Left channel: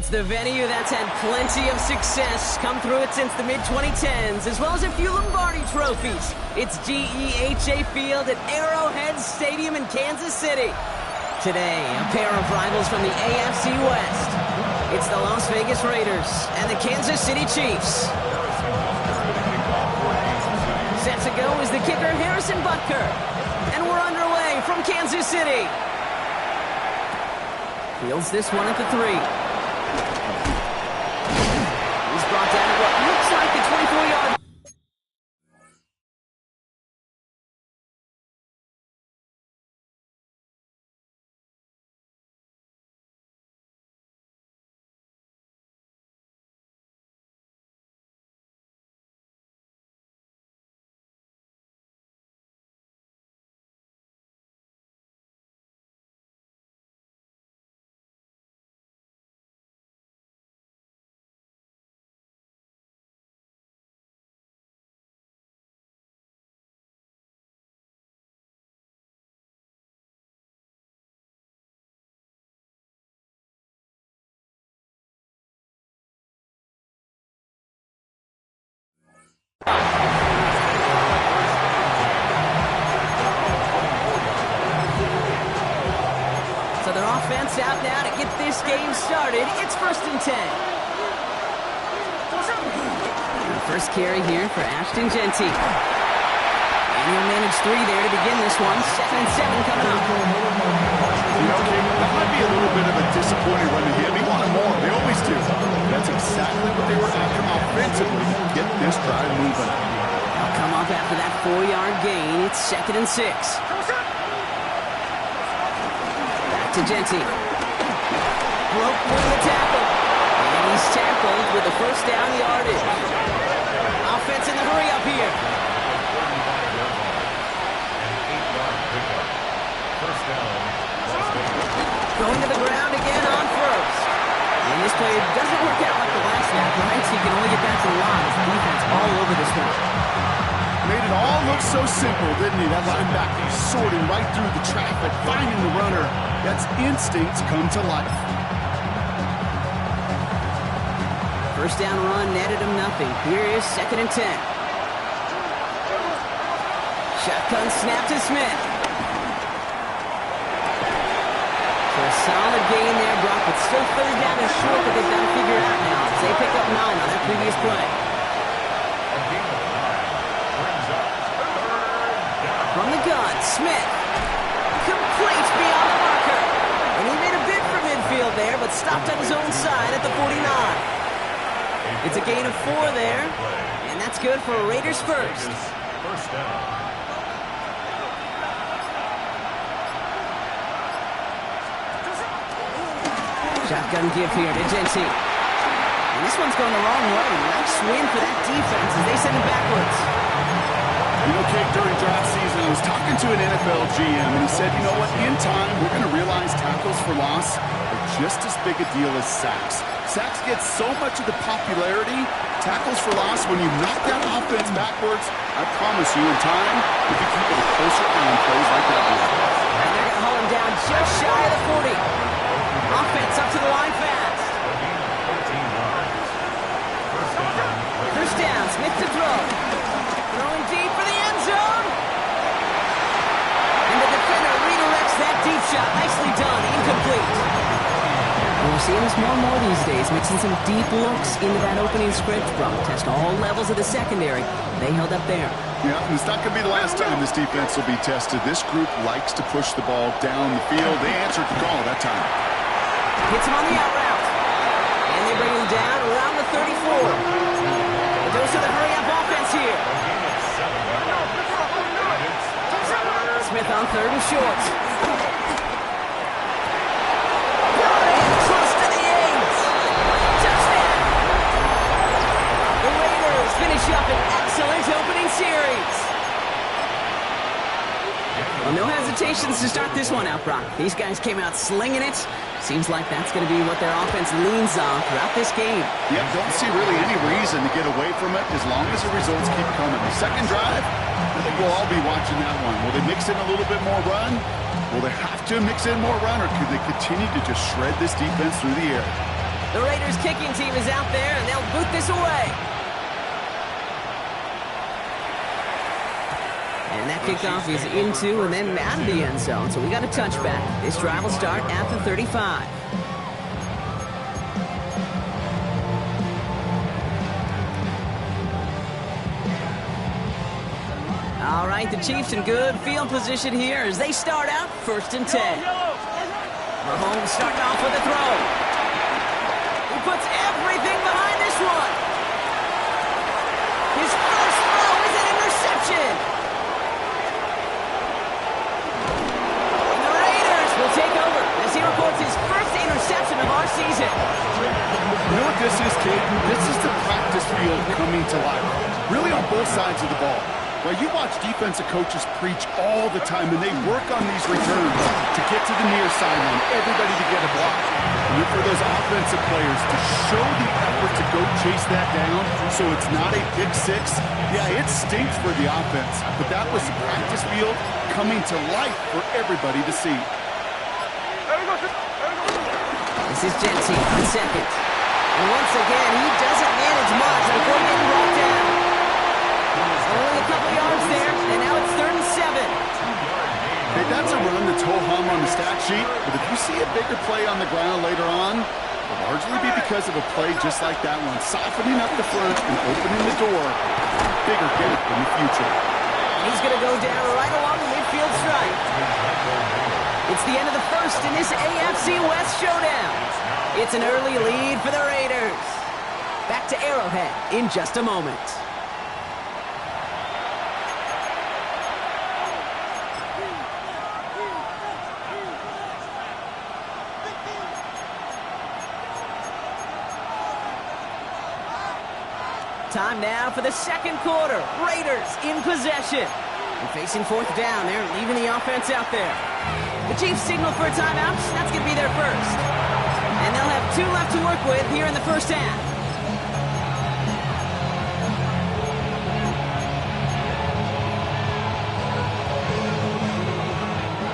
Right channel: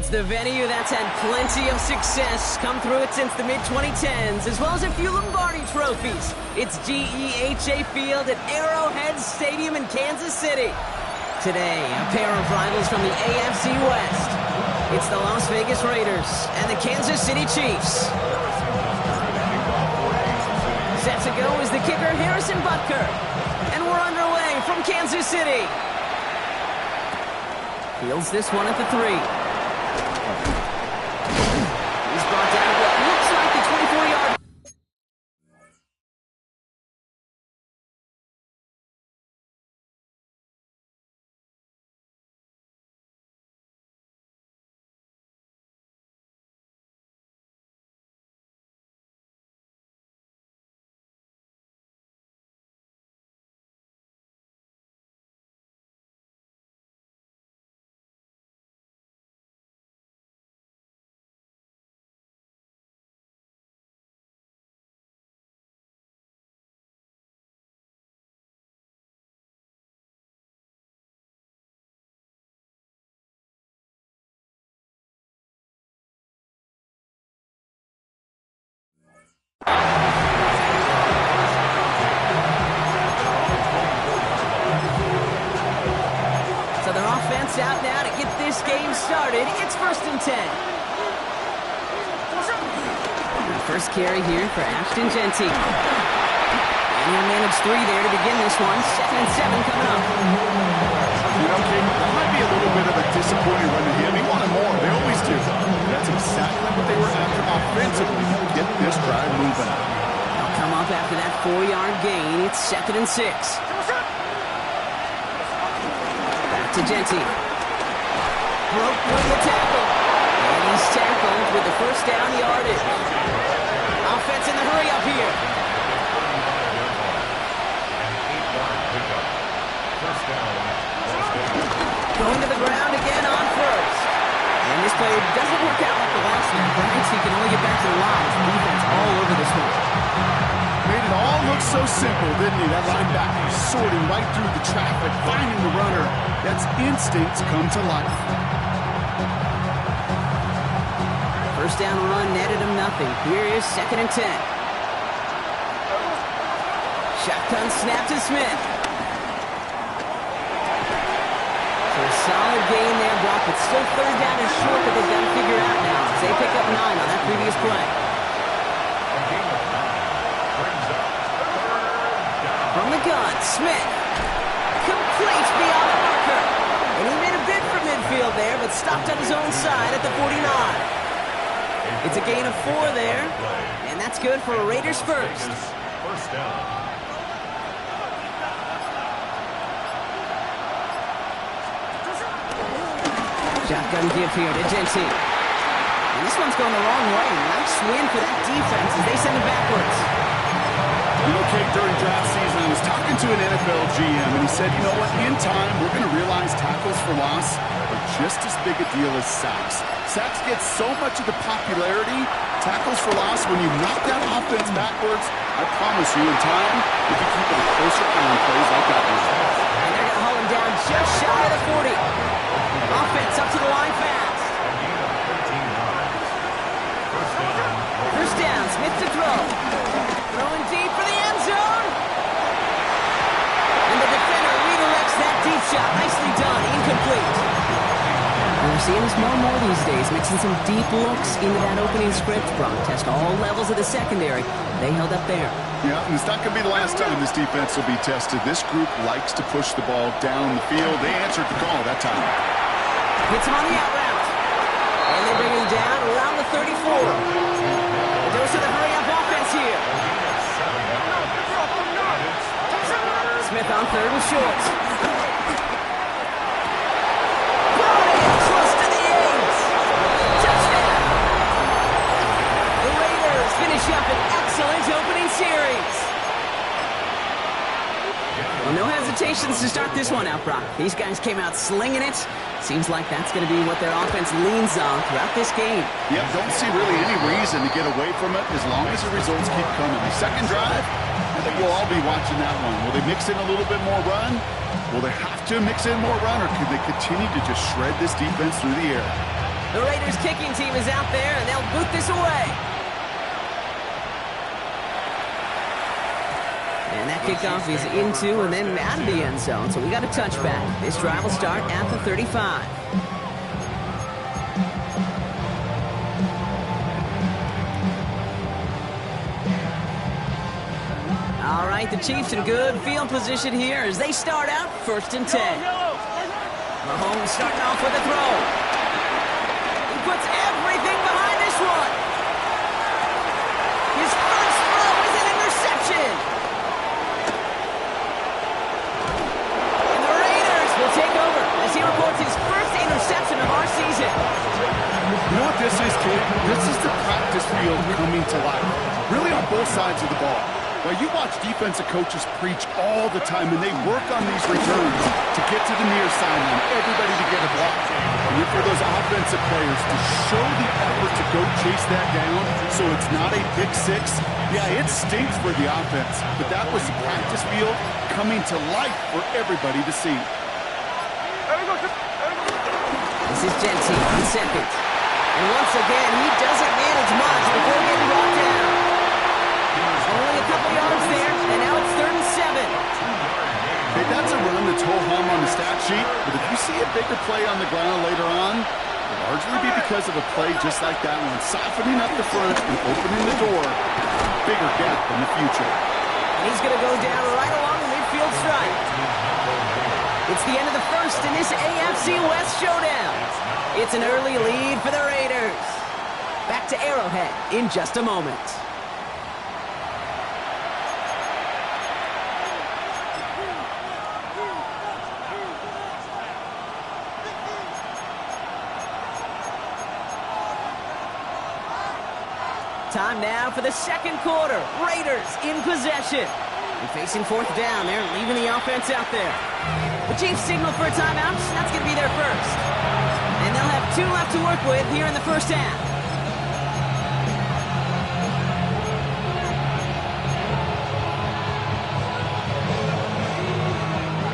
It's the venue that's had plenty of success, come through it since the mid-2010s, as well as a few Lombardi trophies. It's GEHA Field at Arrowhead Stadium in Kansas City. Today, a pair of rivals from the AFC West. It's the Las Vegas Raiders and the Kansas City Chiefs. Set to go is the kicker, Harrison Butker. And we're underway from Kansas City. Fields this one at the 3. He's brought down at what looks like the 24-yard. So their offense out now to get this game started. It's 1st and 10. First carry here for Ashton Genty. And he'll manage 3 there to begin this one. 2nd and 7 coming up. You know, King, that might be a little bit of a disappointing run to him. He wanted more. They always do. That's exactly what they were after offensively to get this drive moving. They'll come up after that 4-yard gain. It's 2nd and 6. Back to Genty. Broke with the tackle. And he's tackled with the first down yardage. Offense in the hurry up here. Going to the ground again on first. And this play doesn't work out like the last snap, right? So he can only get back to the line with the defense all over this one. Made it all look so simple, didn't he? That linebacker sorting right through the traffic, finding the runner. That's instincts come to life. First down run netted him nothing. Here is 2nd and 10. Shotgun snap to Smith. So a solid gain there, Brock, but still 3rd down and short that they've got to figure out now as they pick up 9 on that previous play. From the gun, Smith. Complete beyond the marker. And he made a bid for midfield there, but stopped on his own side at the 49. It's a gain of 4 there, and that's good for a Raiders first. First down. Shotgun give here to Genty. And this one's going the wrong way. Nice win for that defense as they send it backwards. You know, Kate, during draft season, I was talking to an NFL GM, and he said, you know what, in time, we're going to realize tackles for loss are just as big a deal as sacks. Sacks get so much of the popularity. Tackles for loss, when you knock that offense backwards, I promise you, in time, we can keep a closer eye on plays like that one. And they're going to haul him down just shy of the 40. Offense up to the line fast. First down, Smith to throw. Throwing deep for the end zone. And the defender redirects that deep shot. Nicely done. Incomplete. We're seeing this more and more these days, mixing some deep looks into that opening script. Brock test all levels of the secondary. They held up there. Yeah, and it's not going to be the last time this defense will be tested. This group likes to push the ball down the field. They answered the call that time. Hits him on the out route. And they bring him down around the 34. A dose of the hurry-up offense here. Smith on 3rd and short. Brought in close to the 8. Touchdown. The Raiders finish up an excellent opening series. Well, no hesitations to start this one out, Brock. These guys came out slinging it. Seems like that's going to be what their offense leans on throughout this game. Yep, don't see really any reason to get away from it as long as the results keep coming. The second drive, I think we'll all be watching that one. Will they mix in a little bit more run? Will they have to mix in more run, or could they continue to just shred this defense through the air? The Raiders kicking team is out there, and they'll boot this away. And that kickoff is into and then out of the end zone, so we got a touchback. This drive will start at the 35. All right, the Chiefs in good field position here as they start out 1st and 10. Mahomes starting off with a throw. He puts everything behind this one. His first throw is an interception. And the Raiders will take over as he records his first interception of our season. You know what this is, Kate? This is the practice field coming to life. Really on both sides of the ball. Well, you watch defensive coaches preach all the time, and they work on these returns to get to the near sideline, everybody to get a block. And for those offensive players to show the effort to go chase that down so it's not a pick six, yeah, it stinks for the offense. But that was the practice field coming to life for everybody to see. This is Genty on second. And once again, he doesn't manage much before getting brought down. Only a couple yards there, and now it's 3rd and 7. Okay, that's a run that's ho-hum on the stat sheet, but if you see a bigger play on the ground later on, it'll largely be because of a play just like that one, softening up the front and opening the door, bigger gap in the future. And he's going to go down right along the midfield stripe. It's the end of the first in this AFC West showdown. It's an early lead for the Raiders. Back to Arrowhead in just a moment. Time now for the second quarter. Raiders in possession. And facing 4th down, they're leaving the offense out there. The Chiefs signal for a timeout. That's going to be their first. And they'll have 2 left to work with here in the first half.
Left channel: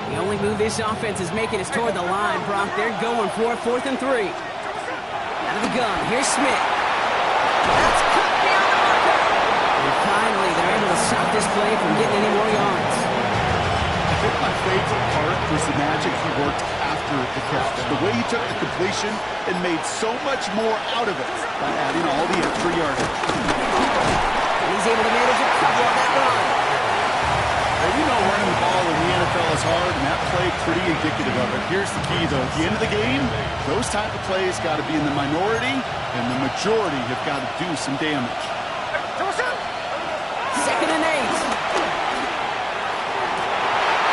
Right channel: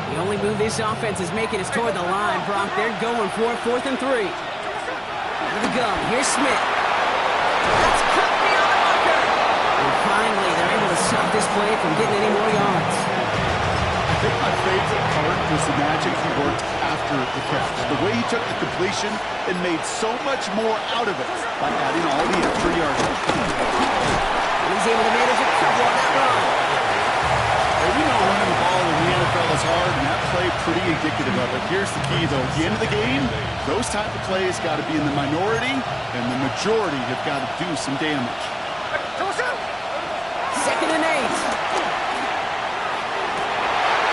The only move this offense is making is toward the line, Brock. They're going for 4th and 3. Out of the gun, here's Smith. That's cut beyond the marker. And finally, they're able to stop this play from getting any more yards. I think my favorite part was the magic he worked after the catch. The way he took the completion and made so much more out of it by adding all the extra yardage. And he's able to manage a couple on that run. Hey, we know running the ball in the NFL is hard, and that play pretty indicative of it. Here's the key, though. At the end of the game, those type of plays got to be in the minority, and the majority have got to do some damage. 2nd and 8.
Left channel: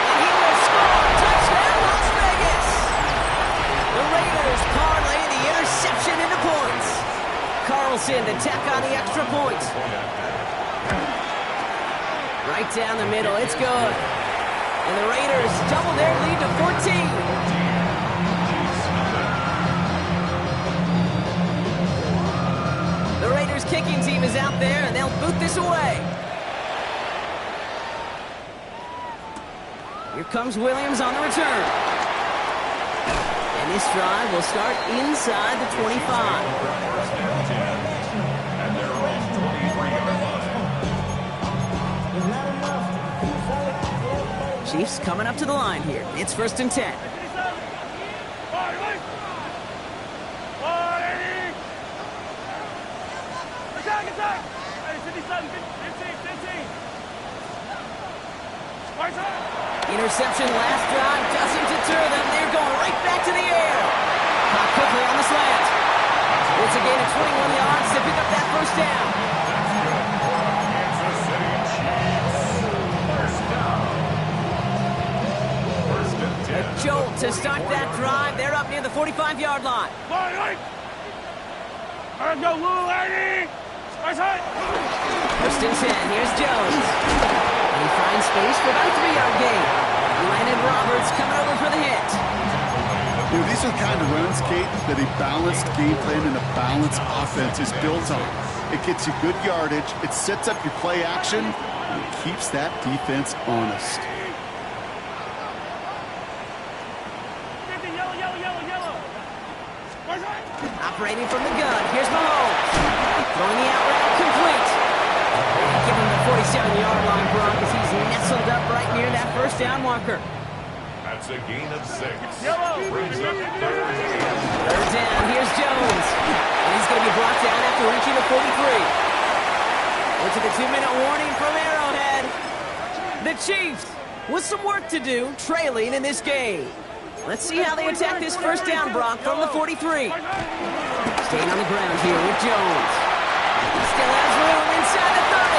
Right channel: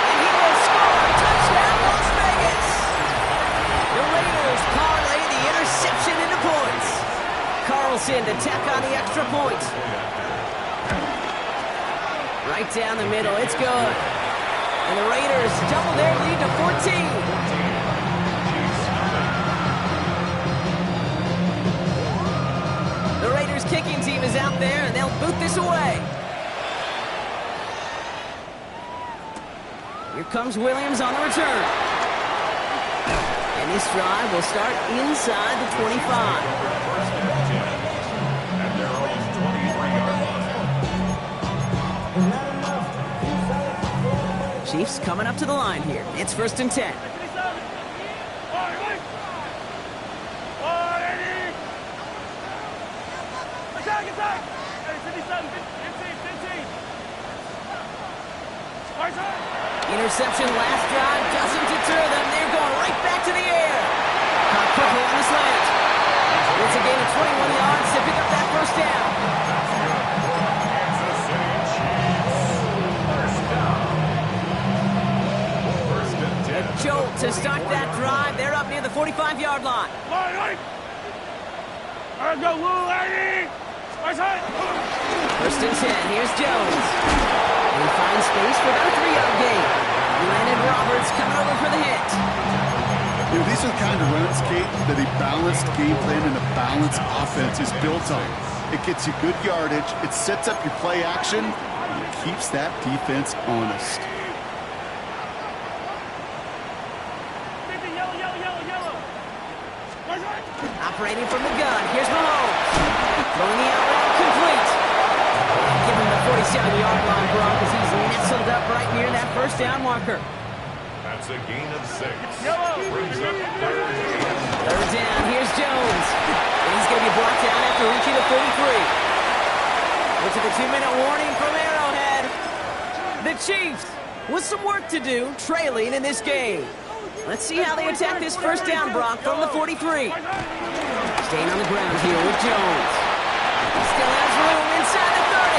And he will score. Touchdown, Las Vegas. The Raiders parlay the interception into points. Carlson to tack on the extra point. Right down the middle, it's good. And the Raiders double their lead to 14. The Raiders kicking team is out there, and they'll boot this away. Here comes Williams on the return. And this drive will start inside the 25. At their own 23-yard line. Chiefs coming up to the line here. It's 1st and 10. Interception last drive doesn't deter them. They're going right back to the air. Caught quickly on the slant. It's a gain of 21 yards to pick up that first down. That's good for Kansas City Chiefs. First down. 1st and 10. A jolt to start that drive. They're up near the 45-yard line. Go, little lady! 1st and 10. Here's Jones. And he finds space for about a 3-yard gain. Landon Roberts coming over for the hit. You know, these are the kind of runs, Kate, that a balanced game plan and a balanced offense is built on. It gets you good yardage, it sets up your play action, and it keeps that defense honest. Operating from the gun, here's Mahomes. Throwing the out route complete. And give him the 47-yard line, Brock, as he's nestled up right near that first down marker. That's a gain of 6. Yellow. Brings up Third down, here's Jones. And he's going to be brought down after reaching the 43. We're to the 2-minute warning from Arrowhead. The Chiefs with some work to do, trailing in this game. Let's see how they attack this first down, Brock, from the 43. Staying on the ground here with Jones. Still has room inside the 30.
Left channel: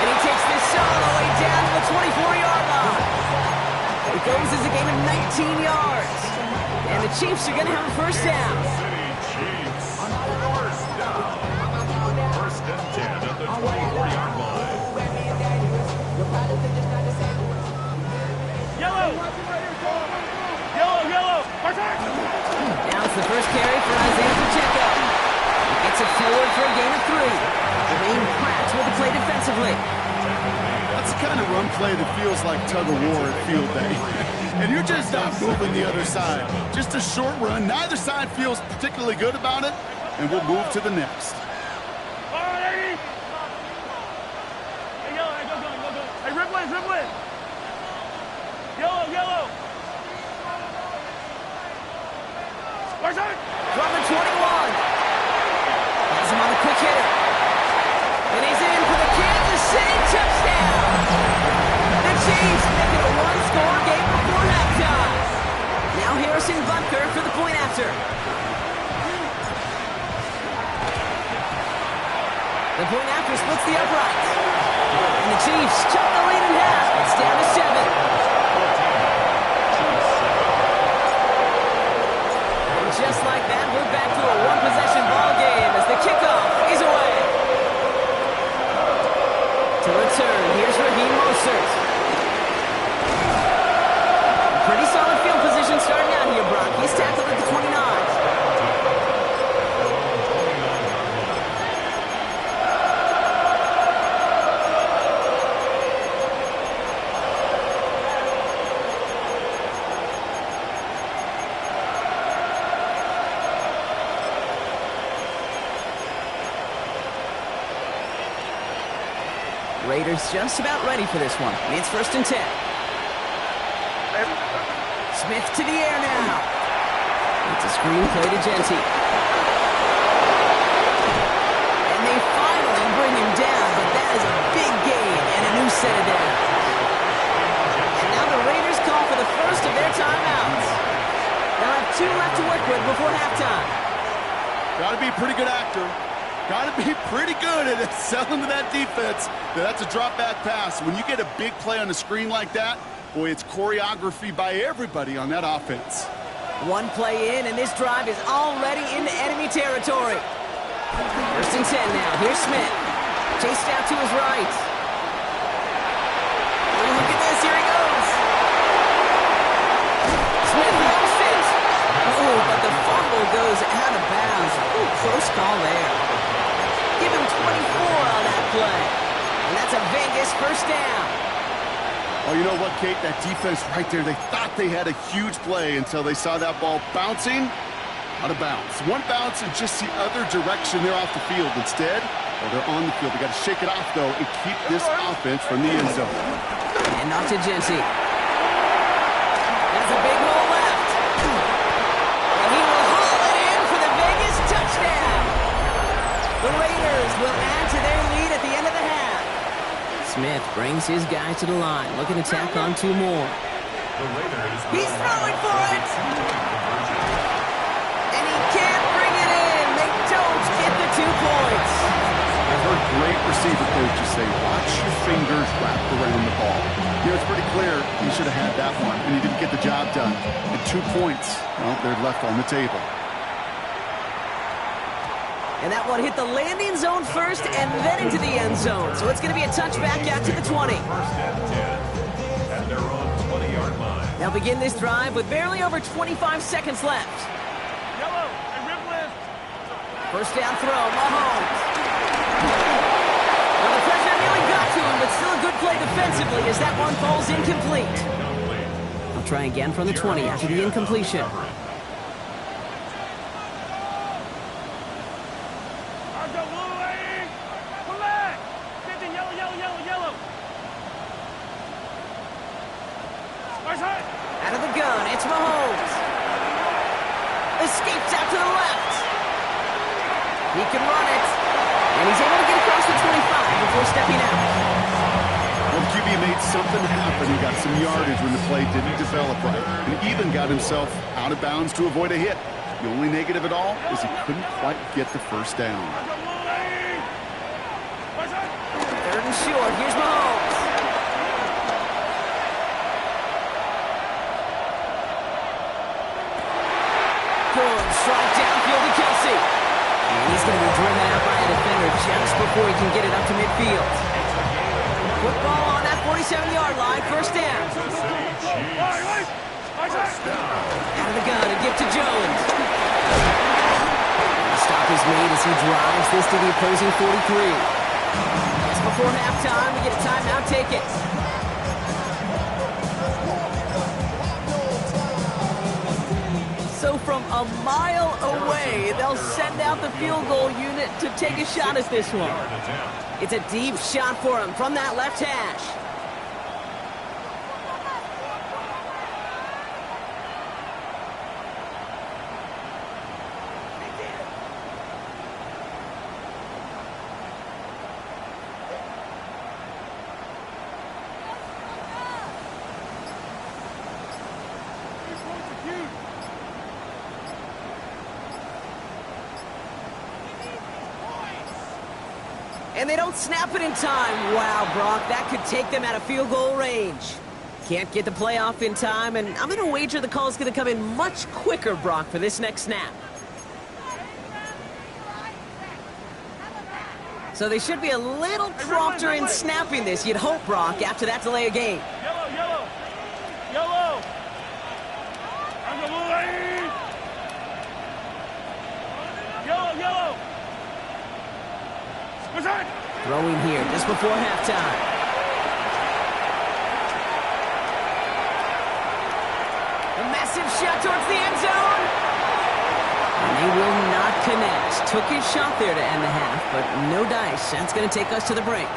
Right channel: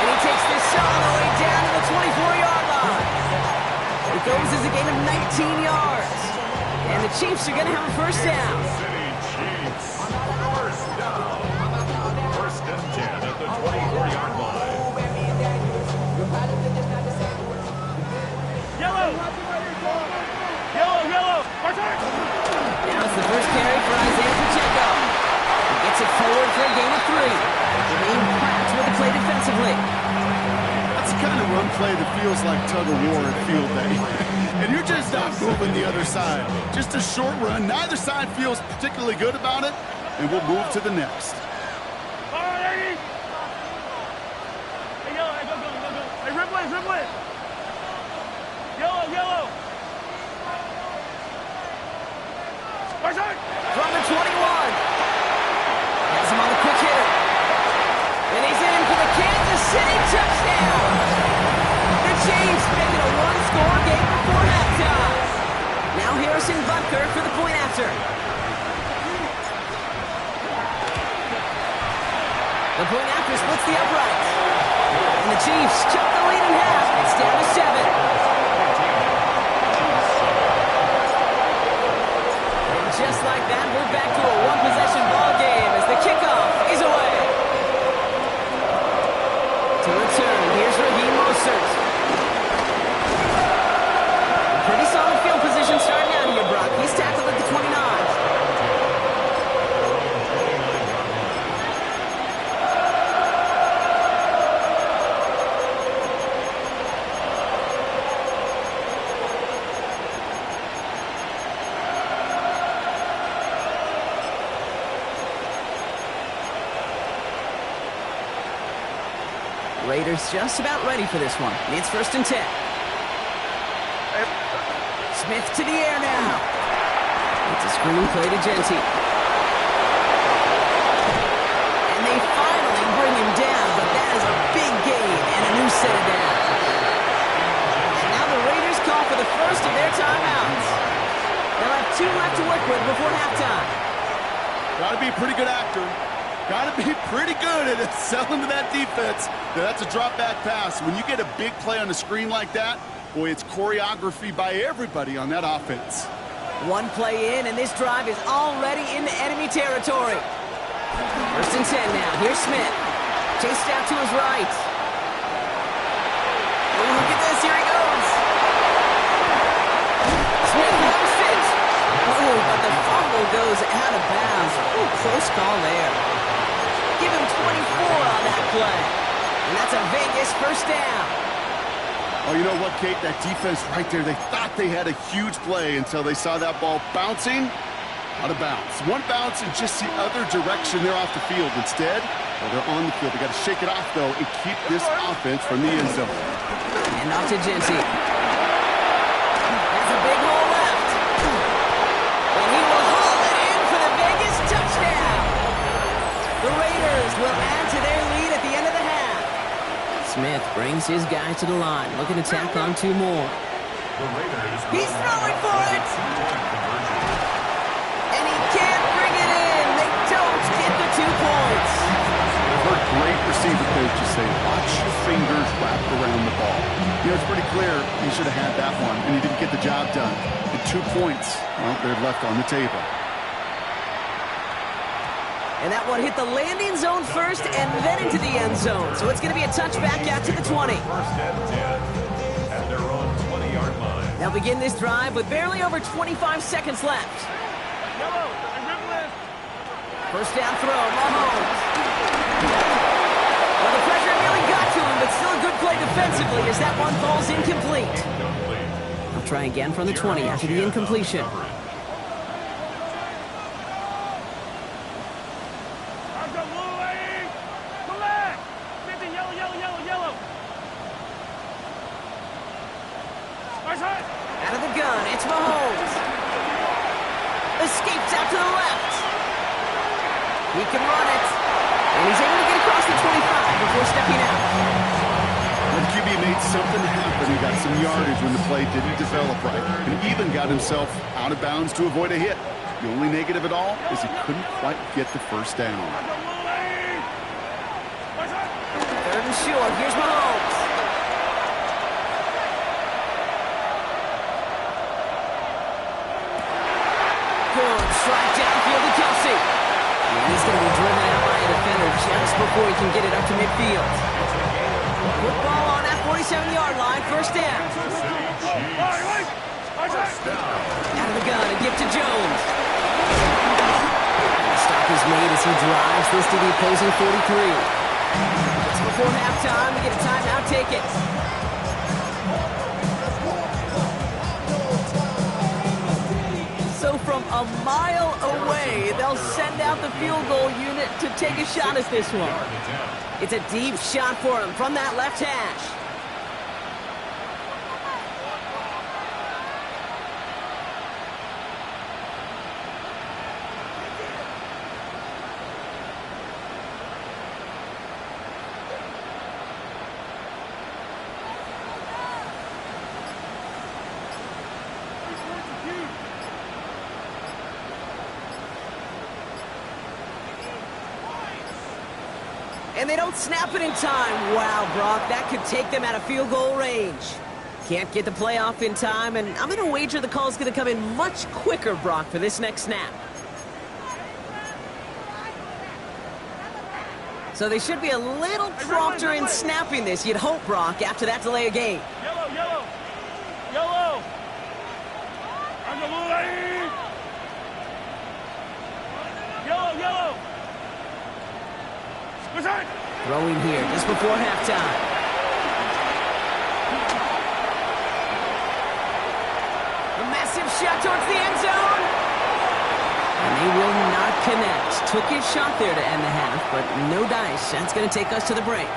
And he takes this all the way down to the 24-yard line. It goes as a gain of 19 yards. And the Chiefs are going to have a first down. City Chiefs. First down. First and 10 at the 24-yard line. Yellow. Yellow, yellow. Now it's the first carry for Isaiah Pacheco. He gets it forward for a gain of 3. Jermaine Pratt with the play defensively. That's the kind of run play that feels like tug-of-war at field day. And you're just not moving the other side. Just a short run. Neither side feels particularly good about it. And we'll move to the next. Hey, yellow, hey, go. Hey, ripple it. Yellow. From the 21. Has him on the quick hitter. And he's in for the Kansas City touchdown. The Chiefs make it a one-score game before halftime. Now Harrison Butker for the point after. The point after splits the uprights. And the Chiefs chop the lead in half. It's down to 7. Just like that, we're back to a one-possession ball game as the kickoff is away. To return, here's Raheem Mostert. Pretty solid field position starting out here, Brock. He's tackled at the 29. Raiders just about ready for this one. It's first and 10. Smith to the air now. It's a screen play to Genty. And they finally bring him down, but that is a big gain and a new set of downs. And now the Raiders call for the first of their timeouts. They'll have 2 left to work with before halftime. Got to be a pretty good actor. Got to be pretty good at it, selling to that defense. That's a drop-back pass. When you get a big play on the screen like that, boy, it's choreography by everybody on that offense. One play in, and this drive is already into enemy territory. First and 10 now. Here's Smith. Chased out to his right. Oh, look at this. Here he goes. Smith lost it. Oh, but the fumble goes out of bounds. Ooh, close call there. Give him 24 on that play. And that's a Vegas first down. Oh, you know what, Kate? That defense right there, they thought they had a huge play until they saw that ball bouncing out of bounds. One bounce in just the other direction. They're off the field. Instead, well, they're on the field. They got to shake it off, though, and keep this offense from the end zone. And off to Genty. That's a big hole left. And he will haul it in for the Vegas touchdown. The Raiders will add to their lead at the end of the half. Smith brings his guys to the line, looking to tack on 2 more. He's throwing for it! And he can't bring it in. They don't get the 2 points. I've heard great receiver coaches say, watch your fingers wrap around the ball. You know, it's pretty clear he should have had that one, and he didn't get the job done. And 2 points, well, they're left on the table. And that one hit the landing zone first and then into the end zone. So it's going to be a touchback out to the 20. First and 10 at their own 20-yard line. They'll begin this drive with barely over 25 seconds left. Yellow, hey, ripple it. First down throw, Mahomes. Well, the pressure nearly got to him, but still a good play defensively as that one falls incomplete. I'll try again from the 20 after the incompletion. Out of the gun, it's Mahomes. Escapes out to the left. He can run it. And he's able to get across the 25 before stepping out. Well, the QB made something happen. He got some yardage when the play didn't develop right, and even got himself out of bounds to avoid a hit. The only negative at all is he couldn't quite get the first down. Third and short. Here's Mahomes. Good strike downfield to Kelsey. And he's going to be driven out by a defender just before he can get it up to midfield. Football on that 47-yard line. First down. Out of the gun, a gift to Jones. The stop is made as he drives this to the opposing 43. Just before halftime, we get a timeout. Take it. So from a mile away, they'll send out the field goal unit to take a shot at this one. It's a deep shot for him from that left hash. And they don't snap it in time. Wow, Brock, that could take them out of field goal range. Can't get the play off in time, and I'm going to wager the call's going to come in much quicker, Brock, for this next snap. So they should be a little prompter in snapping this, you'd hope, Brock, after that delay of game. Yellow, yellow. Yellow. Yellow, yellow. Throwing here just before halftime. A massive shot towards the end zone. And they will not connect. Took his shot there to end the half, but no dice. That's going to take us to the break.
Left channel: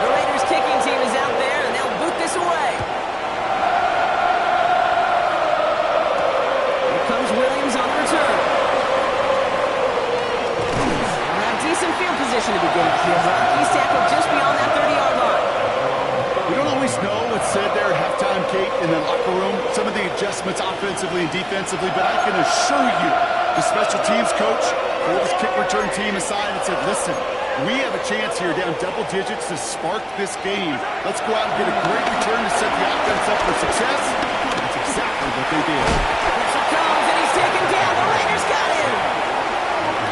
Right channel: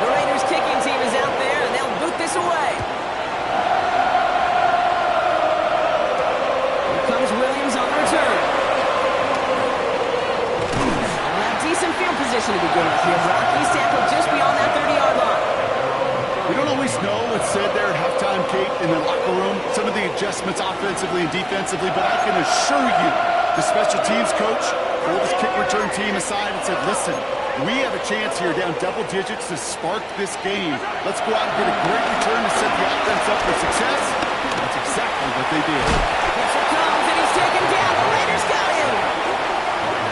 The Raiders kicking team is out there, and they'll boot this away. Here comes Williams on the return. They'll have decent field position to begin with here. Rocky's tackled just beyond that 30-yard line. We don't always know what's said there at halftime, Kate, in the locker room, some of the adjustments offensively and defensively, but I can assure you the special teams coach pulled his kick return team aside and said, listen, we have a chance here down double digits to spark this game. Let's go out and get a great return to set the offense up for success. That's exactly what they did. Pressure comes, and he's taken down. The Raiders got him.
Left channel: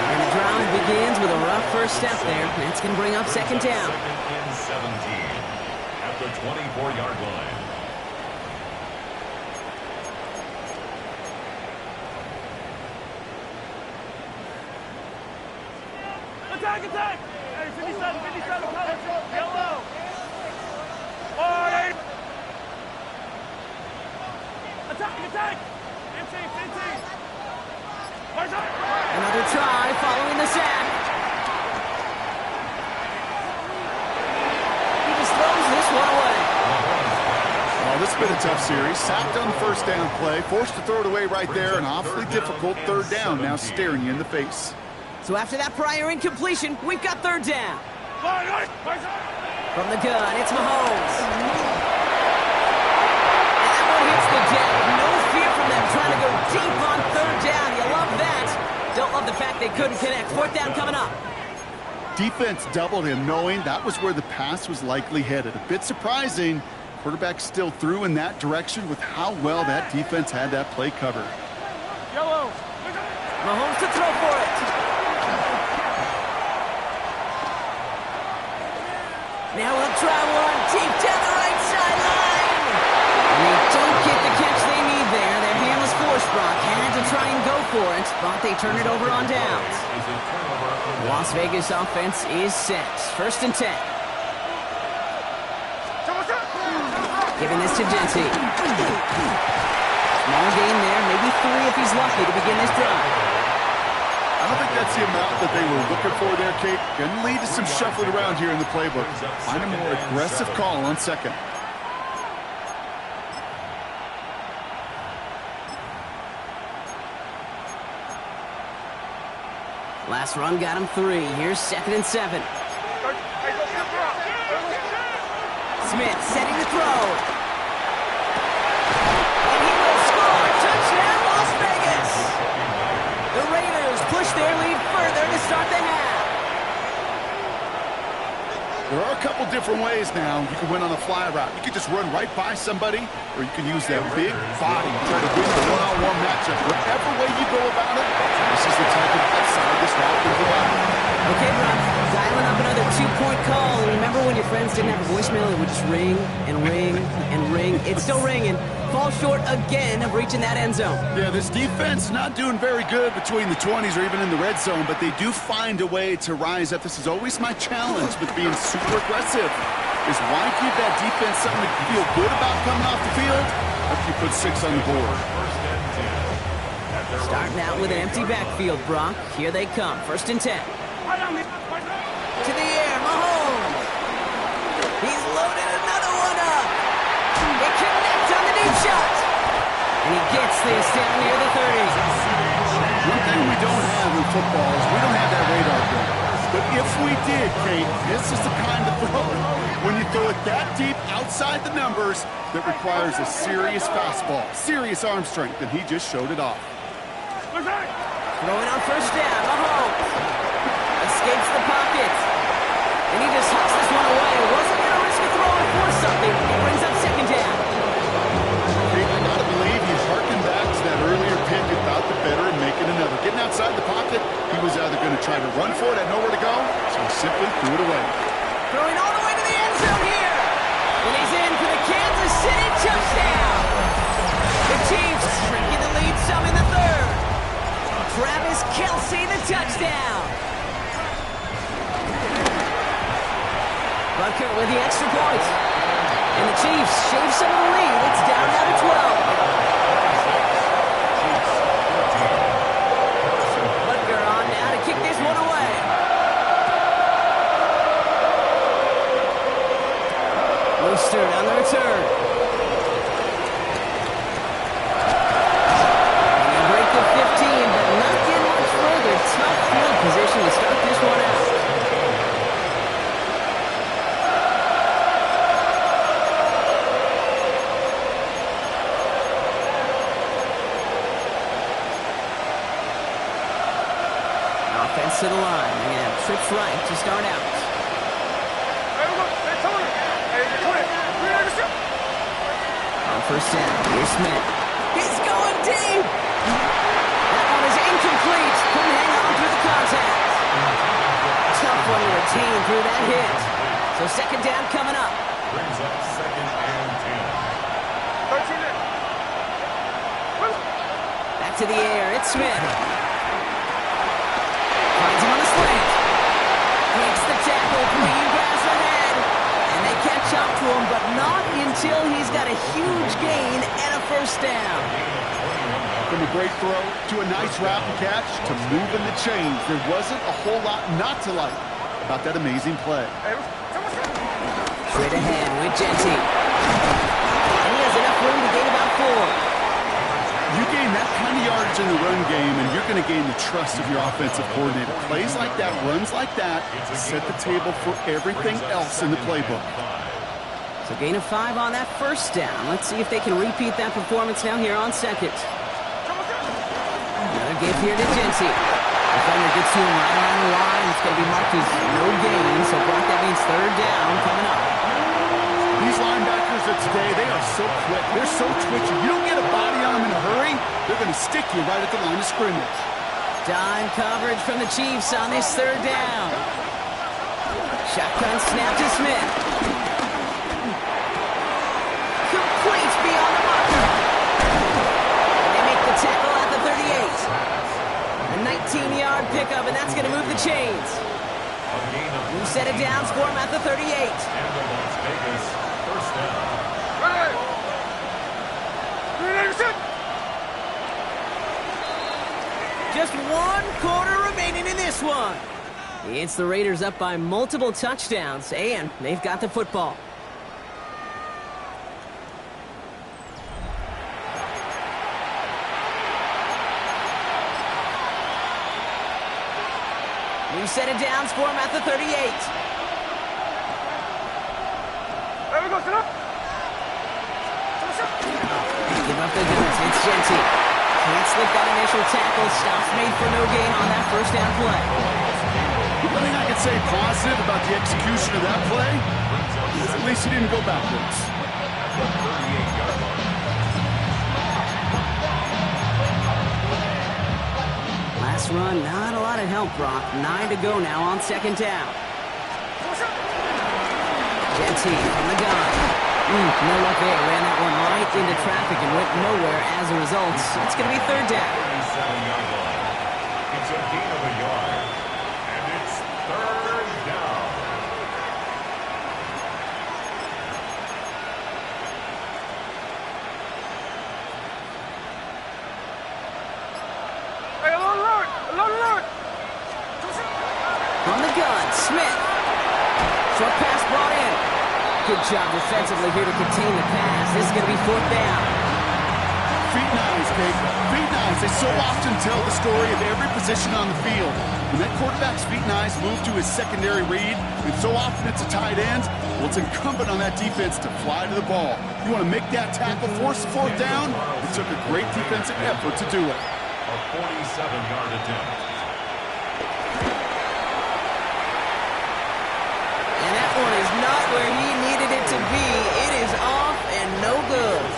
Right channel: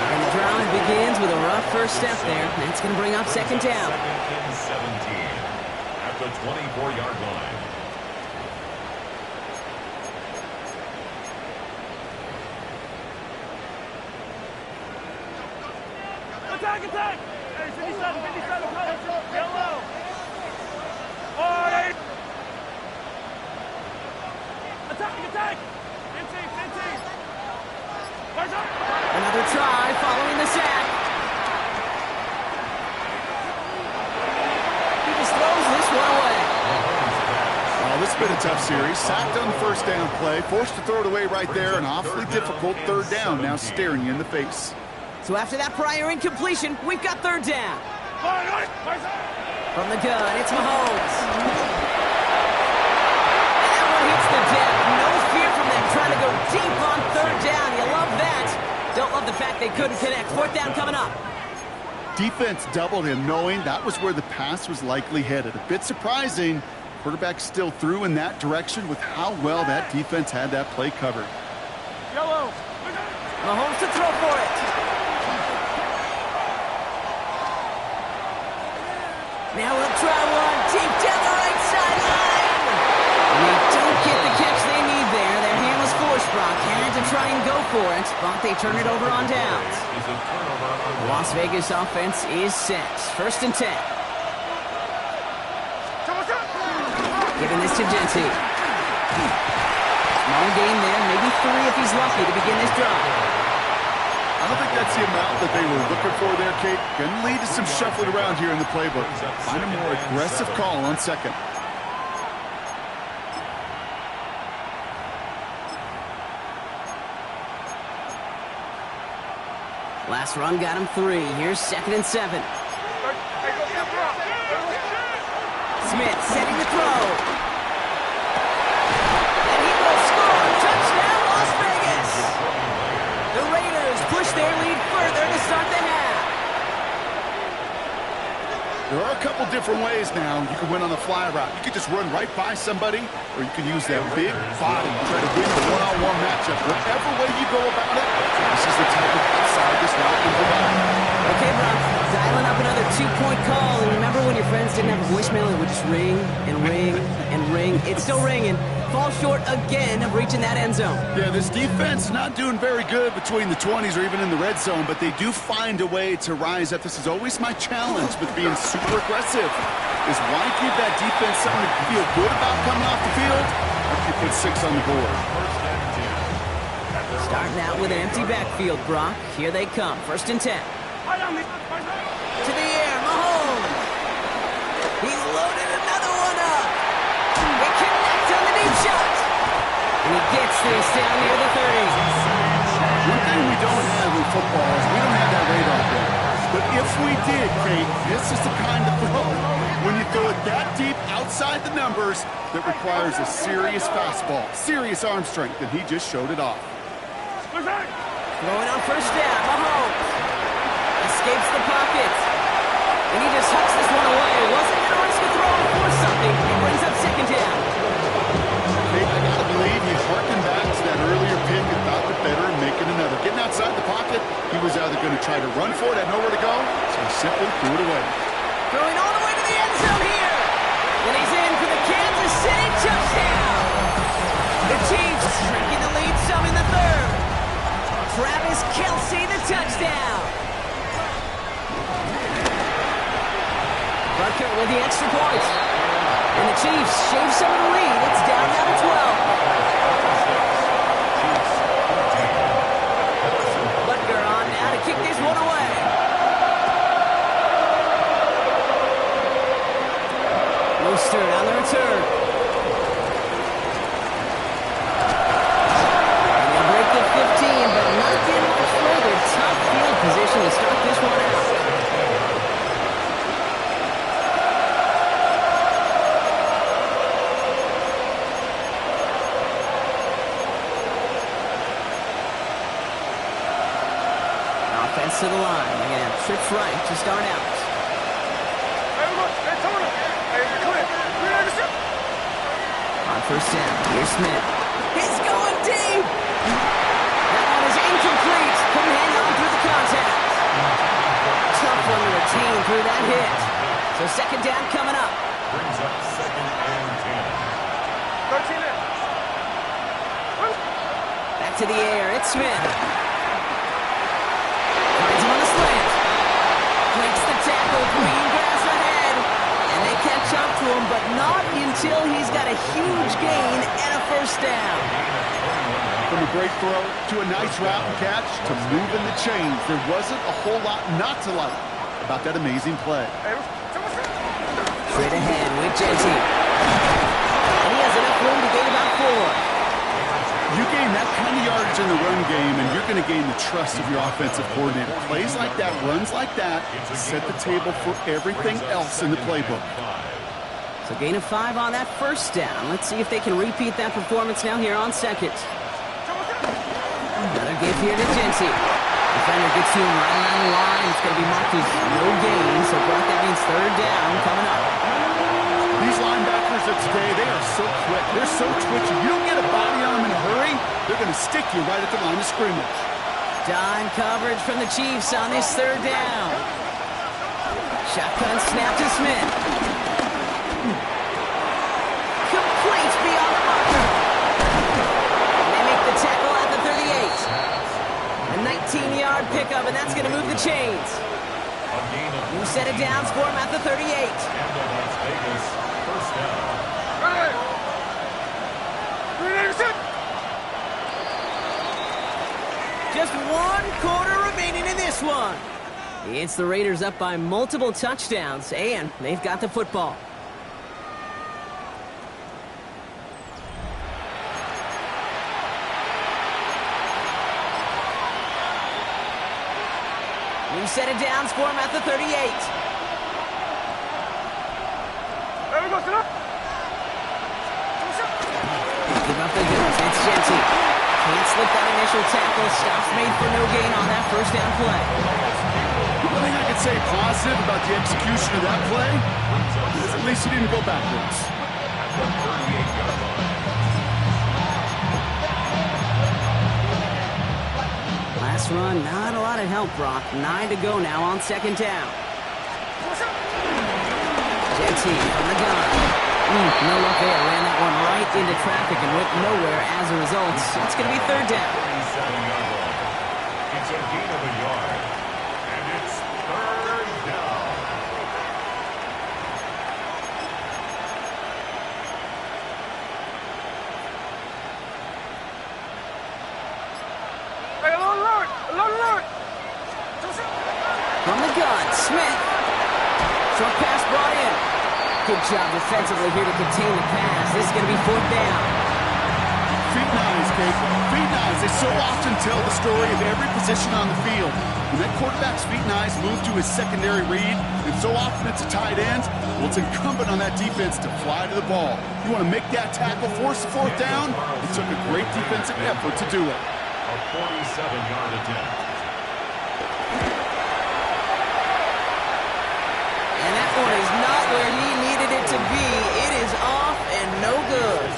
And the drive begins with a rough first step there. That's going to bring up second down. Second and 17 at the 24-yard line. Attack, attack! Hey, 57, 57, cover. Yellow. All right. Attack, attack! 15, 15. Another try following the sack. He just throws this one away. Oh, this has been a tough series. Sacked on the first down play, forced to throw it away right there, an awfully difficult third down now staring you in the face. So after that prior incompletion, we've got third down. From the gun, it's Mahomes. And that one hits the deck. No fear from them trying to go deep on third down. You love that. Don't love the fact they couldn't connect. Fourth down coming up. Defense doubled him, knowing that was where the pass was likely headed. A bit surprising. Quarterback still threw in that direction with how well that defense had that play covered. Yellow. Mahomes to throw for it. Now we'll try one deep down the right sideline. And they don't get the catch they need there. Their hand was forced, Brock. Had to try and go for it, but they turn it over on downs. The Las Vegas offense is set. First and 10. Giving this to Jency. Small gain there, maybe 3 if he's lucky to begin this drive. I don't think that's the amount that they were looking for there, Kate. Going to lead to some shuffling around here in the playbook. Find a more aggressive call on second. Last run got him 3. Here's 2nd and 7. Smith setting the throw. And he will score. Touchdown, Las Vegas. The Raiders push their lead further to start the half. There are a couple different ways now. You can win on a fly route. You can just run right by somebody, or you can use that big body, try to win a one-on-one matchup. Whatever way you go about it, this is the type of upside this route can provide. Okay, Brock, dialing up another 2-point call. And remember when your friends didn't have a voicemail, it would just ring and ring and ring. It's still ringing. Fall short again of reaching that end zone. Yeah, this defense not doing very good between the 20s or even in the red zone, but they do find a way to rise up. This is always my challenge with being super aggressive, is why give that defense something to feel good about coming off the field after you put 6 on the board. Starting out with an empty backfield, Brock. Here they come. 1st and 10. To the air, Mahomes. He's loaded another one up. They connect on the deep shot. And he gets this down near the 30. One thing we don't have in football is we don't have that radar gun. But if we did, Kate, this is the kind of throw when you throw it that deep outside the numbers that requires a serious fastball, serious arm strength, and he just showed it off. Throwing on 1st down, Mahomes escapes the pocket. And he just hucks this one away. Wasn't going to risk a throw or force something. It brings up 2nd down. Kate, I got to believe he harkened back to that earlier pick and thought the better of making another. Getting outside the pocket, he was either going to try to run for it, had nowhere to go, so he simply threw it away. Throwing all the way to the end zone here. And he's in for the Kansas City touchdown. The Chiefs shrinking the lead some in the 3rd. Travis Kelce, the touchdown. Butker with the extra point. And the Chiefs shave some of the lead. It's down now to 12. Butker on now to kick this one away. Mostert on the return. And he'll break the 15, but not get much further. Tough field position to start this one out. Offense to the line. They're going to have trips right to start out. On 1st down, here's Smith. He's going deep. That one is incomplete. Couldn't hang on through the contact. Tough one to retain through that hit. So 2nd down coming up. Brings up 2nd and 10. 13 in. Back to the air. It's Smith. Finds him on the slant. Breaks the tackle. Green grass ahead. And they catch up to him, but not until he's got a huge gain and a 1st down. From a great throw to a nice route and catch to moving the chains, there wasn't a whole lot not to like about that amazing play. Straight ahead with Genty. And he has enough room to gain about 4. You gain that kind of yardage in the run game, and you're going to gain the trust of your offensive coordinator. Plays like that, runs like that, set the table for everything else in the playbook. So gain of 5 on that 1st down. Let's see if they can repeat that performance now here on 2nd. Another give here to Genty. Defender gets to him right around the line. It's going to be marked as no gain, so Brock, that means 3rd down coming up. These linebackers of today, they are so quick. They're so twitchy. You don't get a body on them in a hurry, they're going to stick you right at the line of scrimmage. Dime coverage from the Chiefs on this 3rd down. Shotgun snap to Smith. Complete beyond the marker. And they make the tackle at the 38. A 19-yard pickup, and that's going to move the chains. New set of downs for him at the 38. And the Las Vegas 1st down. Just 1 quarter remaining in this one. It's the Raiders up by multiple touchdowns, and they've got the football. We've set it down for him at the 38. There we go, sit up. Give up the goods. It's Genty. Can't slip that initial tackle. Stops made for no gain on that first down play. One thing I can say positive about the execution of that play is at least he didn't go backwards. At the 38-yard line. Last run, not a lot of help, Brock. 9 to go now on second down. Genty from the gun. No luck there. Ran that one right into traffic and went nowhere as a result. It's going to be third down. 37-yard line. It's a gain of a yard. And it's third down. Hey, alert! Alert! From the gun, Smith. Short pass brought in. Good job defensively here to contain the pass. This is going to be fourth down. Feet and eyes, Kate. Feet and eyes. They so often tell the story of every position on the field. When that quarterback's feet and eyes move to his secondary read, and so often it's a tight end, well, it's incumbent on that defense to fly to the ball. You want to make that tackle, force the fourth down? It took a great defensive effort to do it. A 47-yard attempt. And that one is not where he needed it to be. It is off and no good.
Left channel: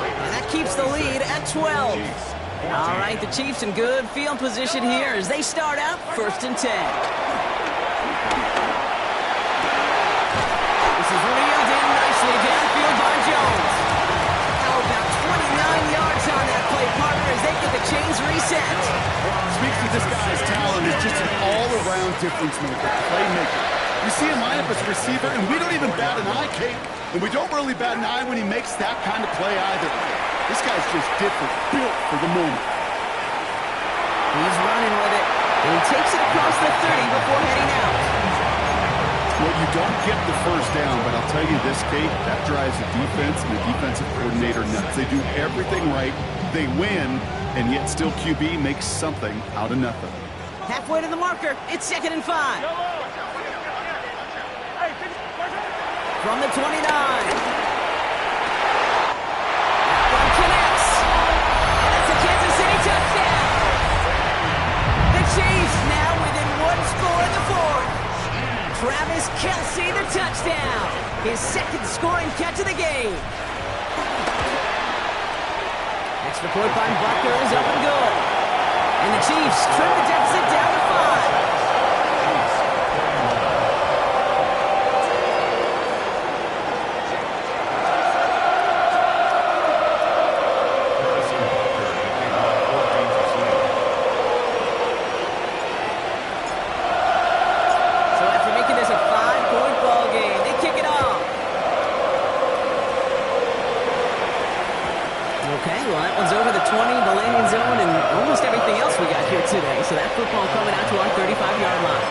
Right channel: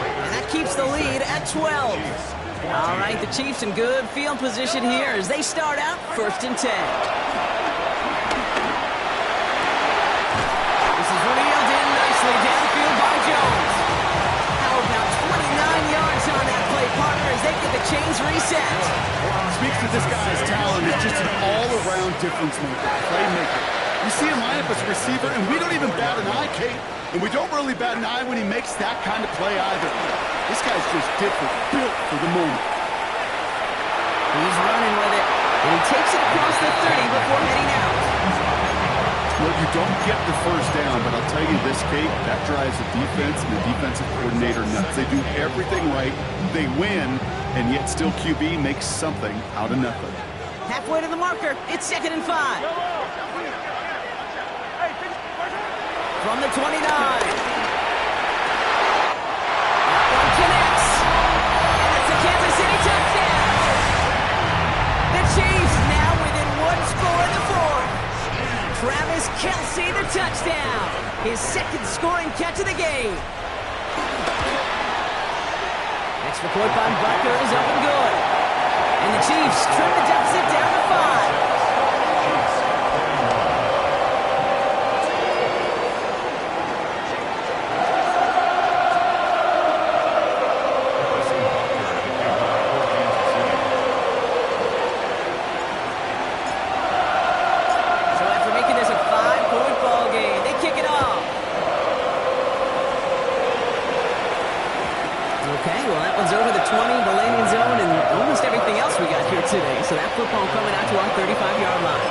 And that keeps the lead at 12. All right, the Chiefs in good field position here as they start out first and 10. This is reeled in nicely downfield by Jones. How about 29 yards on that play, partner, as they get the chains reset. Speaks to this guy's talent. It's just an all-around difference maker, playmaker. You see him line up as a receiver, and we don't even bat an eye, Kate. And we don't really bat an eye when he makes that kind of play either. This guy's just different, built for the moment. He's running with it, and he takes it across the 30 before heading out. Well, you don't get the first down, but I'll tell you this, Kate, that drives the defense and the defensive coordinator nuts. They do everything right, they win, and yet still QB makes something out of nothing. Halfway to the marker, it's 2nd and 5. From the 29. That one connects. And that's a Kansas City touchdown. The Chiefs now within 1 score in the fourth. Travis Kelce, the touchdown. His second scoring catch of the game. Extra point by Butker is up and good. And the Chiefs trim the deficit down to 5. Okay, well, that one's over the 20, the landing zone, and almost everything else we got here today. So that football coming out to our 35-yard line.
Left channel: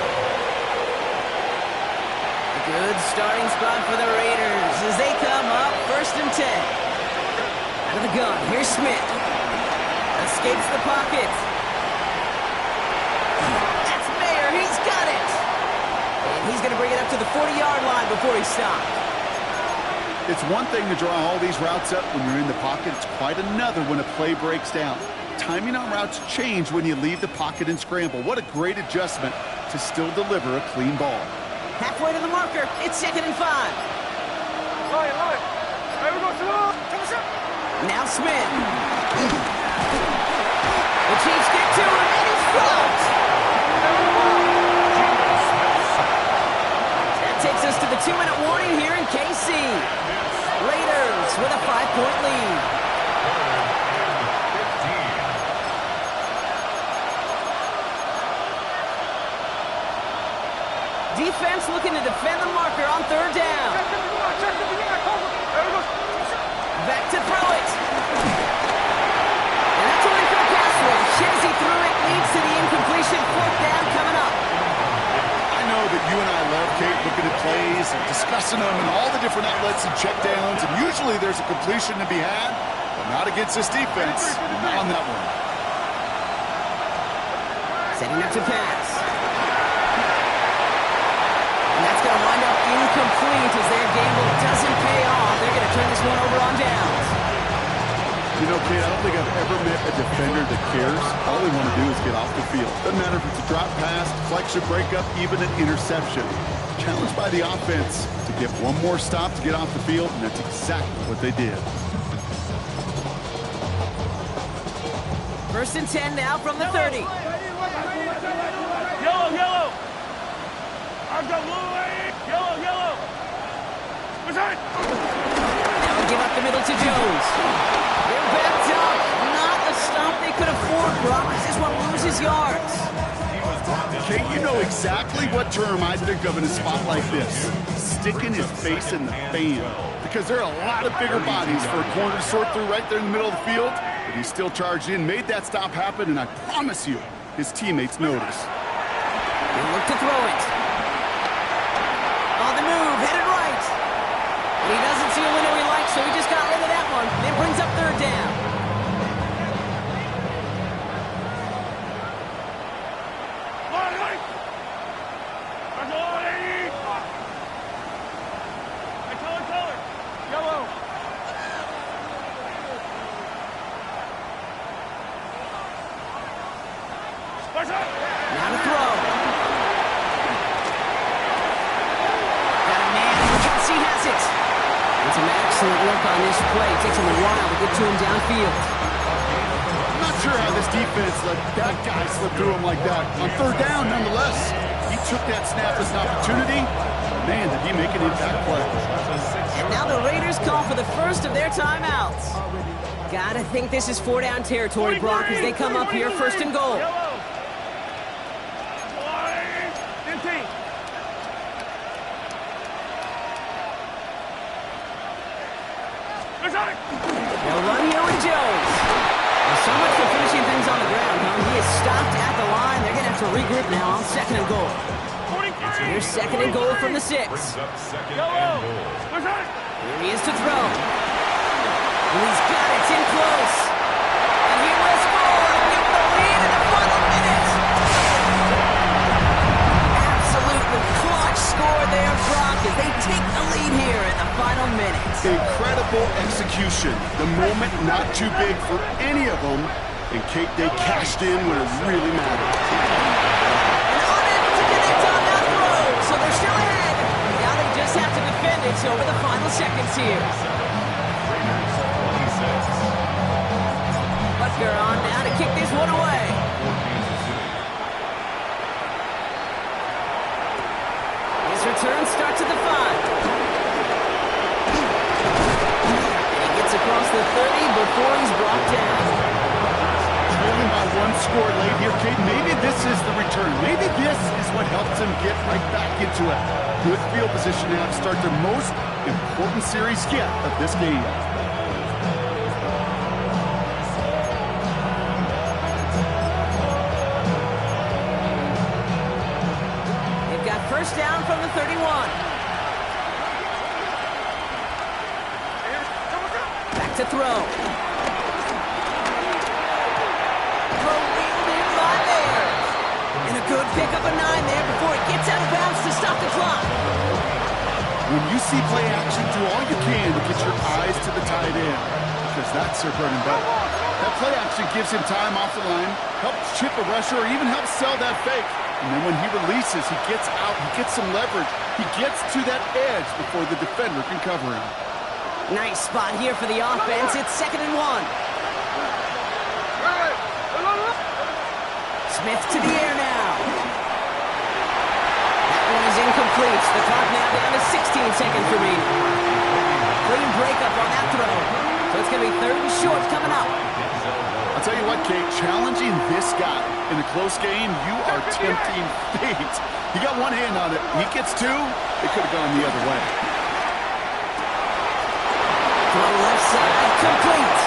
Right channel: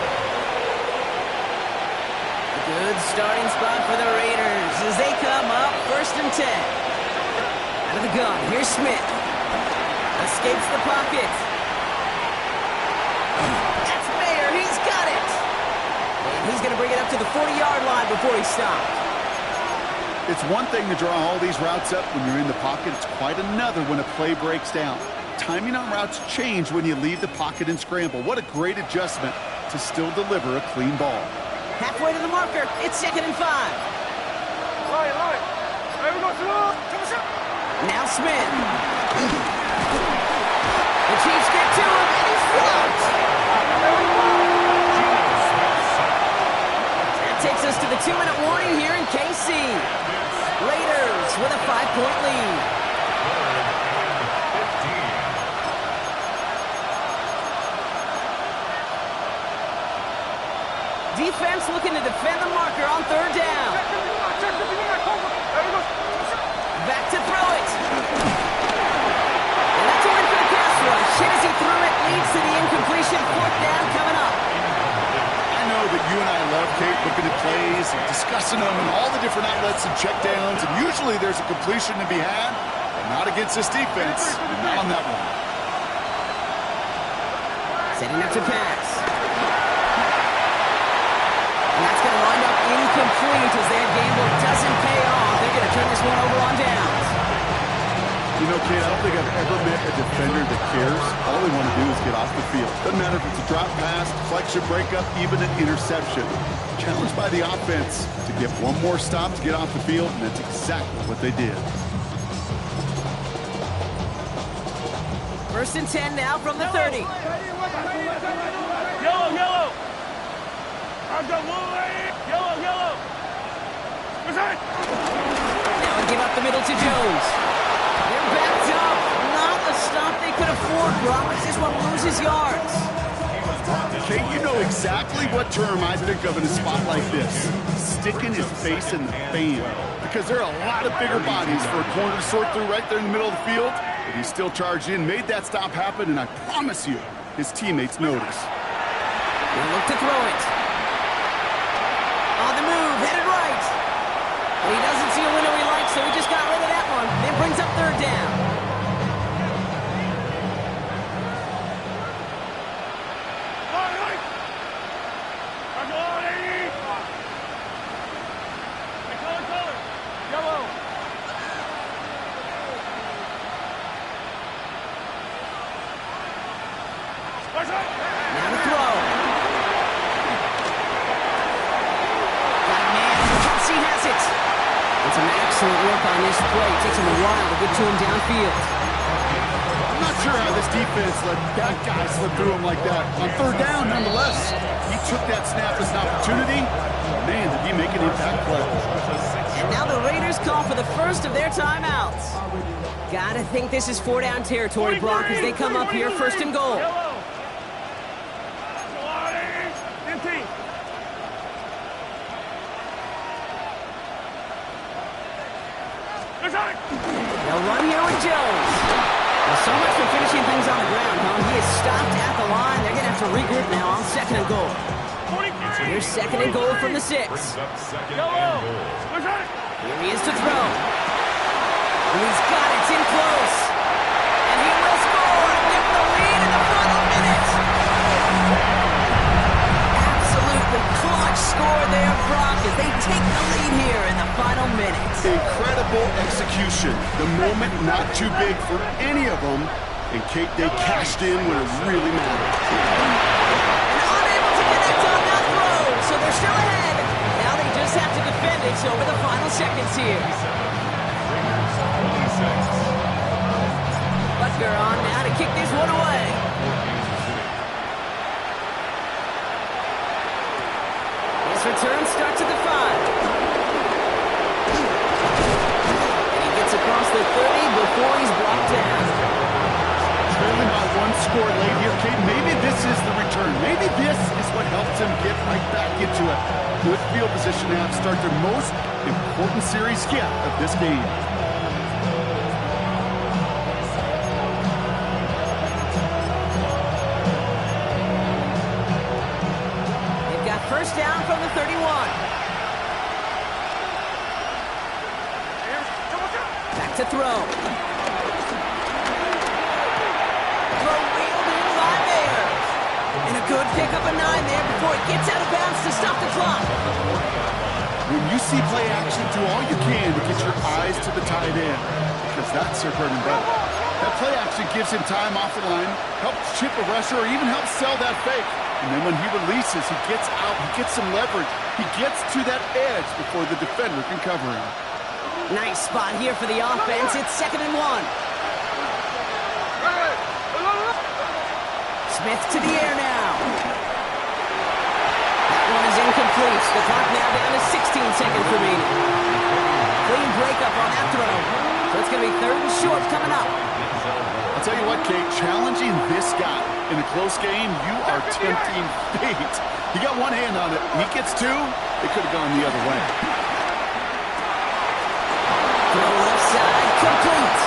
A good starting spot for the Raiders as they come up first and 10. Out of the gun, here's Smith. Escapes the pocket. That's Mayer, he's got it. And he's going to bring it up to the 40-yard line before he stops. It's one thing to draw all these routes up when you're in the pocket. It's quite another when a play breaks down. Timing on routes change when you leave the pocket and scramble. What a great adjustment to still deliver a clean ball. Halfway to the marker. It's 2nd and 5. Line. There we go, slow. Now Smith. The Chiefs get to him, and he's dropped. That takes us to the 2-minute warning here in KC. Raiders with a 5-point lead. 3rd and 15. Defense looking to defend the marker on 3rd down. Back to throw it. And that's only for the pass rush. Hit as he threw it, leads to the incompletion. Fourth down coming up. I know that you and I love, Kate, looking at plays and discussing them and all the different outlets and checkdowns, and usually there's a completion to be had, but not against this defense, not on that one. Setting up to pass. And that's going to wind up incomplete as their gamble doesn't pay off. They're going to turn this one over on downs. You know, Kate, I don't think I've ever met a defender that cares. All they want to do is get off the field. Doesn't matter if it's a drop pass, deflection, breakup, even an interception. Challenged by the offense to get one more stop to get off the field, and that's exactly what they did. First and 10 now from the 30. Yellow, yellow. I've got yellow, yellow. Resign. Now we give up the middle to Jones. They're backed up. Not a stop they could afford, Brock. This one loses yards. Kate, you know exactly what term I think of in a spot like this. Sticking his face in the fan. Because there are a lot of bigger bodies for a corner to sort through right there in the middle of the field. But he still charged in, made that stop happen, and I promise you, his teammates notice. He'll look to throw it. On the move, headed right. And he doesn't see a window he likes, so he just got rid of that one. Then brings up third down. Yellow. Now to throw. Got a man. Kelsey has it. And some excellent work on this play. Takes him a while to get to him downfield. I'm not sure how this defense let that guy slip through him like that. On third down, nonetheless, he took that snap as an opportunity. Man, did he make an impact play. And now the Raiders call for the first of their timeouts. Gotta think this is four-down territory, Brock, as they come up here first and goal. They'll run here with Jones. Now, so much for finishing things on the ground, huh? He is stopped at the line. They're going to have to regroup now on second and goal. Here's second and goal from the 6. Here he is to throw. And he's got it. It's in close. And he will score and give him the lead in the final minute. Absolutely clutch score there, Brock, as they take the lead here in the final minute. Incredible execution. The moment not too big for any of them. And Kate, they cashed in when it really mattered. And unable to connect on that throw, so they're still ahead. Now they just have to defend it over the final seconds here. Butker on now to kick this one away. His return starts at the 5. Across the 30 before he's brought down. Trailing by one score late here, Kate. Maybe this is the return. Maybe this is what helps them get right back into a good field position now to start their most important series yet of this game. They've got first down from the 31. To throw. Throw reeled in by there. And a good pickup of 9 there before it gets out of bounds to stop the clock. When you see play action, do all you can to get your eyes to the tight end, because that's their bread and butter. That play action gives him time off the line, helps chip a rusher, or even helps sell that fake. And then when he releases, he gets out, he gets some leverage. He gets to that edge before the defender can cover him. Nice spot here for the offense. It's second and 1. Smith to the air now. That one is incomplete. The clock now down to 16 seconds remaining. Clean breakup on that throw. So it's going to be third and short coming up. I'll tell you what, Kate, challenging this guy in a close game, you are tempting fate. He got one hand on it. He gets 2. It could have gone the other way. Throw left side, complete.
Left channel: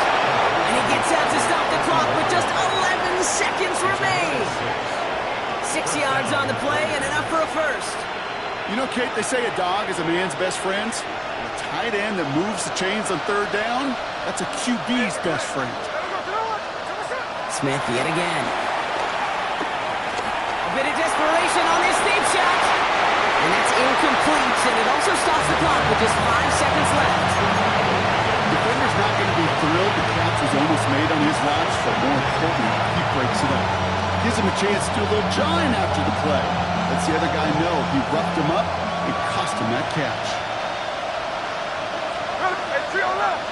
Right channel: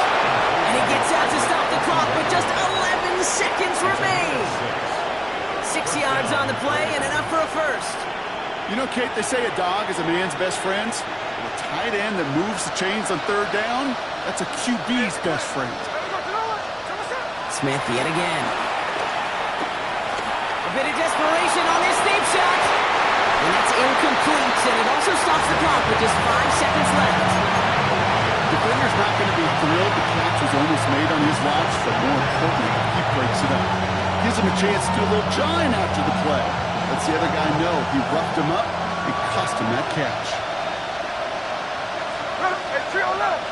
And he gets out to stop the clock with just 11 seconds remain. 6 yards on the play and enough for a first. You know, Kate, they say a dog is a man's best friend. A tight end that moves the chains on third down, that's a QB's best friend. Smith yet again. A bit of desperation on this deep shot. And that's incomplete, and it also stops the clock with just 5 seconds left. Defender's not going to be thrilled the catch was almost made on his watch, but more importantly, he breaks it up. Gives him a chance to do a little jawing after the play. Lets the other guy know he roughed him up and cost him that catch. Hey, 3 on left.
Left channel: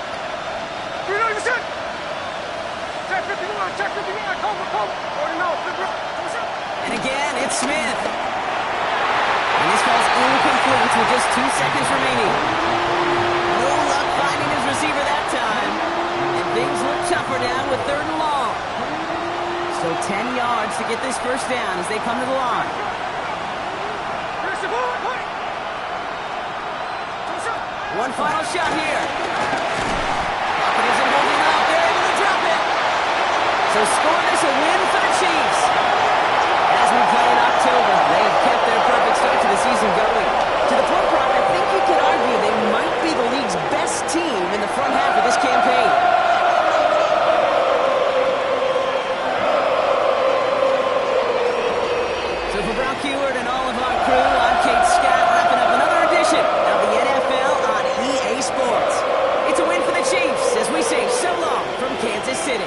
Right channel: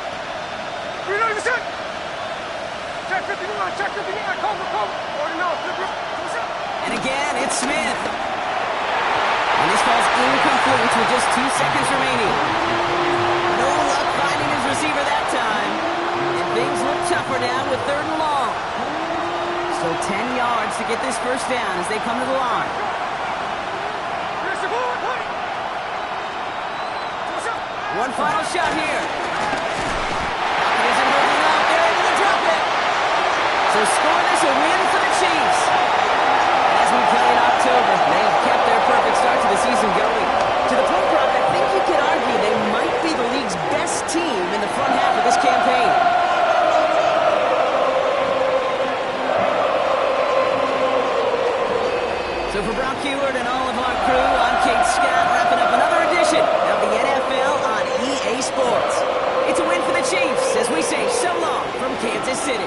3 on the set. Check 59, check 59. Cover. Already know. And again, it's Smith. And this ball's incomplete with just 2 seconds remaining. No luck finding his receiver that time. And things look tougher now with 3rd and long. So 10 yards to get this first down as they come to the line. One final shot here. Pocket isn't holding up. They're able to drop it. So score this a win for the Chiefs. And as we play in October, they have kept their perfect start to the season going. To the point, Brock, I think you could argue they might be the league's best team in the front half of this campaign. So for Brock Heward and all of our crew, I'm Kate Scott, wrapping up another edition of the NFL on EA Sports. It's a win for the Chiefs as we say so long from Kansas City.